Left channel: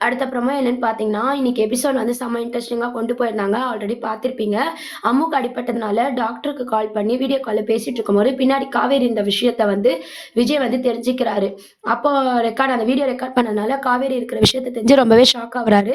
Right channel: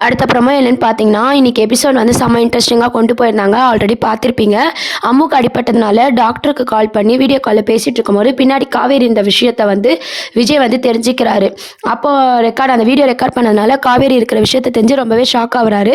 அடுத்தப்புறமா என்னன்னு பார்த்தீங்கன்னா, இன்னைக்கு எபிசோட் வந்து செம்ம இன்ட்ரெஸ்டிங்கா கொண்டு போயிருந்தாங்க. ஆல்ரெடி பார்த்துருப்பீங்க. அம்முக்கு அடிபட்டதுனால டாக்டருக்கு கால் பண்ணி வீடியோ கால்ல பேசிட்டு இருக்கும்போது, பின்னாடி காவேரி இந்த விஷயத்த வந்து விஜய் வந்து தெரிஞ்சுக்கிறாரு. அப்போ அந்த வீடியோ ரெக்கார்ட் பண்ணதுனால காவேரி இருக்கிற விஷயத்த தெரிஞ்சு ரொம்பவே ஷாக் ஆகுறாரு.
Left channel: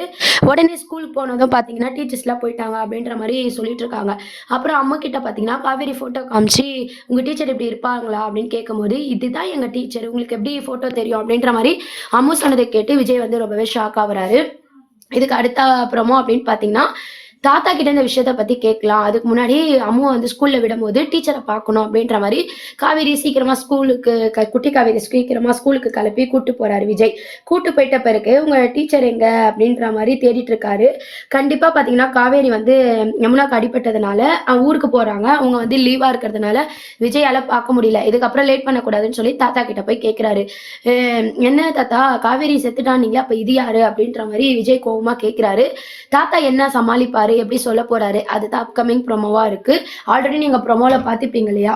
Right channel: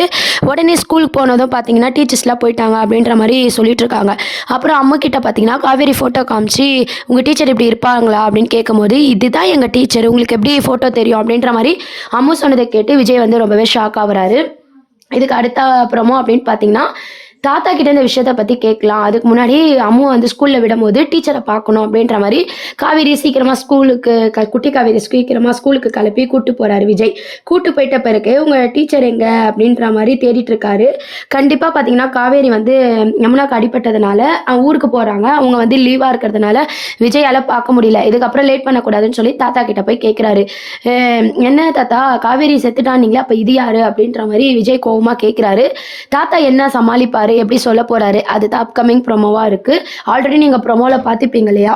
உடனே ஸ்கூலுக்கு போனதும் பார்த்தீங்கன்னா, டீச்சர்ஸ்லாம் போயிட்டாங்க அப்படின்ற மாரி சொல்லிட்டு இருக்காங்க. அப்புறம் அம்முகிட்ட பார்த்தீங்கன்னா, காவேரி ஃபோட்டோ காமிச்சு, "உங்க டீச்சர் இப்படி இருப்பாங்களா?" அப்படின்னு கேட்கும்போது, "இதுதான் எங்க டீச்சர். உங்களுக்கு எப்படி ஃபோட்டோ தெரியும்?" அப்படின்ற மாரி அம்மு சொன்னத கேட்டு விஜய் வந்து ரொம்பவே ஷாக் ஆகுறாரு. இதுக்கு அடுத்த அப்புறமா அப்படின்னு பார்த்தீங்கன்னா, தாத்தா கிட்ட இந்த விஷயத்த பத்தி கேட்கலாம். அதுக்கு முன்னாடி அம்மு வந்து ஸ்கூல்ல விடும்போது டீச்சர பார்க்கணும் அப்படின்ற மாரி காவேரி சீக்கிரமா ஸ்கூலுக்கு குட்டி காவேரி சீக்கிரமா ஸ்கூலுக்கு கிளப்பி கூட்டு போறாரு விஜய். கூட்டு போயிட்ட பிறகு உங்க டீச்சர் எங்க அப்படின்ற மாரி தேடிட்டு இருக்காரு. கண்டிப்பா பார்த்தீங்கன்னா, காவேரி வந்து யமுனாக்கு அடிபட்டதுனால ஊருக்கு போறாங்க. அவங்க வந்து லீவா இருக்கிறதுனால விஜயால பார்க்க முடியல. இதுக்கப்புறம் லேட் பண்ணக்கூடாதுன்னு சொல்லி தாத்தா கிட்ட போய் கேட்கிறாரு. "அ என்ன தாத்தா காவேரி செத்துட்டான்னீங்களே, அப்ப இது யாரு?" அப்படின்ற மாரி விஜய் கோவமா கேட்கிறாரு. தாத்தா என்ன சமாளிப்பாரு? எப்படி சொல்லப் போறாரு? அதுதான் அப்கமிங் ப்ரோமோவா இருக்கு. ஆல்ரெடி நீங்க ப்ரோமோல பார்த்திருப்பீங்க இல்லையா?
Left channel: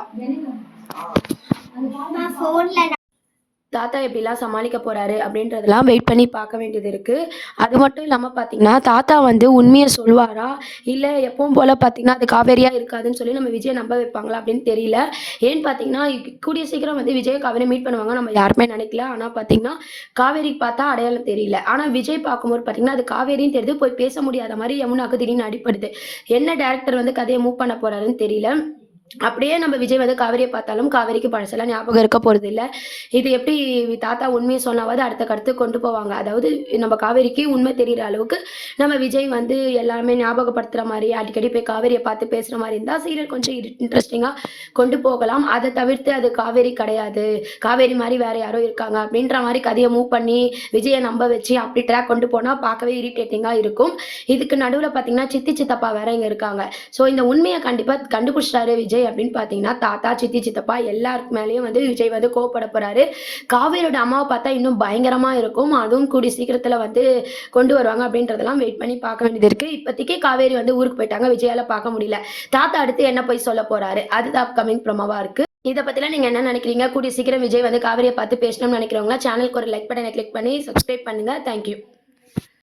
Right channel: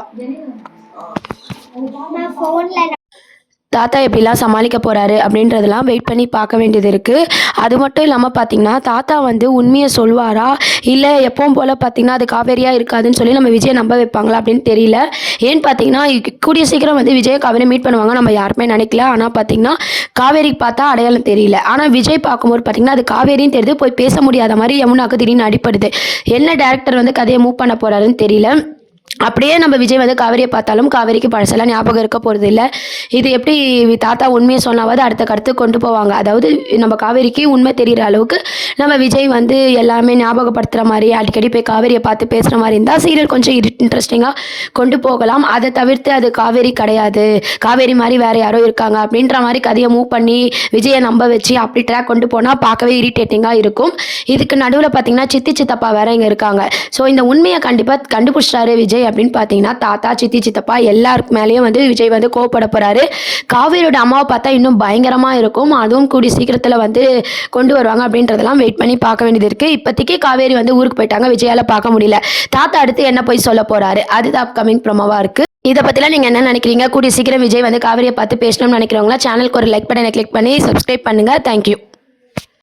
தாத்தா எப்படிலாம் சமாளிக்க போறாரு அப்படின்றதெல்லாம் வெயிட் பண்ணி பார்க்க வேண்டியது இருக்கு. அது மட்டும் இல்லாம பார்த்தீங்கன்னா, தாத்தா வந்து உண்மைய சொல்வாரா? இல்ல எப்பவும் போல பார்த்தீங்கன்னா, அது காவேரியா இருக்காதுன்னு சொல்லி நம்ம விஜய நம்ப வைப்பாங்களா அப்படின்னு தெரியல. ஏன்னு பார்த்தீங்கன்னா, கூடிய சீக்கிரம் வந்து விஜயும் காவேரியும் மீட் பண்ணுவாங்க நம்ம யாருமே நினைக்கல. ஆனா பார்த்தீங்கன்னா, காவேரிக்கு பார்த்தா அடையாளம் தெரியல. ஆனா விஜய் பார்க்கும்போது பார்த்தீங்கன்னா, அது காவேரின்னு தெரியுது. போய் பேச முடியாத மாரி யமுனாக்கு திடீர்னு அடிபடுது. என்ன டைரக்டர் வந்து கதைய மூவ் பண்ண போறாருன்னு தெரியல. அப்படியே நம்ம விஜய் வந்து காவேரியை பார்த்தாலும் காவேரிக்கு பழசெல்லாம் ஞாபகம் இருக்க போகிறது இல்லை. இது எப்படி தாத்தா உண்மையை சொன்னாவது அடுத்த கருத்து கொண்டு போவாங்க. அதாவது நம்ம காவேரிக்கு உண்மை தெரிகிற அளவுக்கு நம்ம விஜய் வந்து எல்லாமே ஞாபகப்படுத்துகிற மாதிரி அடிக்கடி போய் காவேரியை பார்த்து பேசுகிற மாதிரி இருந்தால் சீரியல் கொஞ்சம் இன்ட்ரெஸ்டிங்காக கொண்டு போகலாம். அதை தவிர்த்து அது காவேரி கிடையாது, காவேரி மாதிரி வேறு யாரோ இருக்காங்க அப்படின்ற மாதிரி கதையை மூவ் பண்ணி விஜயை நம்ப வச்சு அப்படி ட்ராக் கொண்டு போனால் பார்க்கவே இரிட்டேட்டிங்காக இருக்கும். இதுக்கு நடுவில் பார்த்தீங்கன்னா சித்தி சித்தப்பா வேற இங்கே இருக்காங்க. ஸோ இந்த உண்மையை கண்டிப்பாக கண்டுபிடிச்சிட்டாரு விஜய் அப்படின்னு பார்த்தீங்கன்னா, தாத்தா சித்தி சித்தப்பா எல்லாருக்கு மேலேயும் வந்து விஜய் வந்து கோவப்பட போறாரு. காவேரியோட அம்மாவை பார்த்தா இன்னும் பயங்கரமா இருக்கும். அதுவும் கூடிய சீக்கிரத்தில் வந்து கொண்டு வருவாங்க அப்படின்றதெல்லாம் வெயிட் பண்ணி பார்க்க வேண்டியது இருக்கு. இப்போதைக்கு காவேரி வந்து ஊருக்கு போயிட்டாங்க, விஜயால பார்க்க முடியல. தாத்தா அடுத்து என்ன போய் சொல்ல போறாரு, அதுதான் அப்கமிங் ப்ரோமோவா இருக்கு. இதை பற்றிலாம் நீங்கள் என்ன நினைக்கிறீங்க? கூடிய சீக்கிரம் விஜய் வந்து காவேரியை பார்த்து பேசணும்னு நினைக்கிறவங்களா சேனலுக்கு ஒரு லைக் பட்டனை கிளிக் பண்ணி சப்ஸ்கிரைப் பண்ணுங்க. தேங்க்யூ.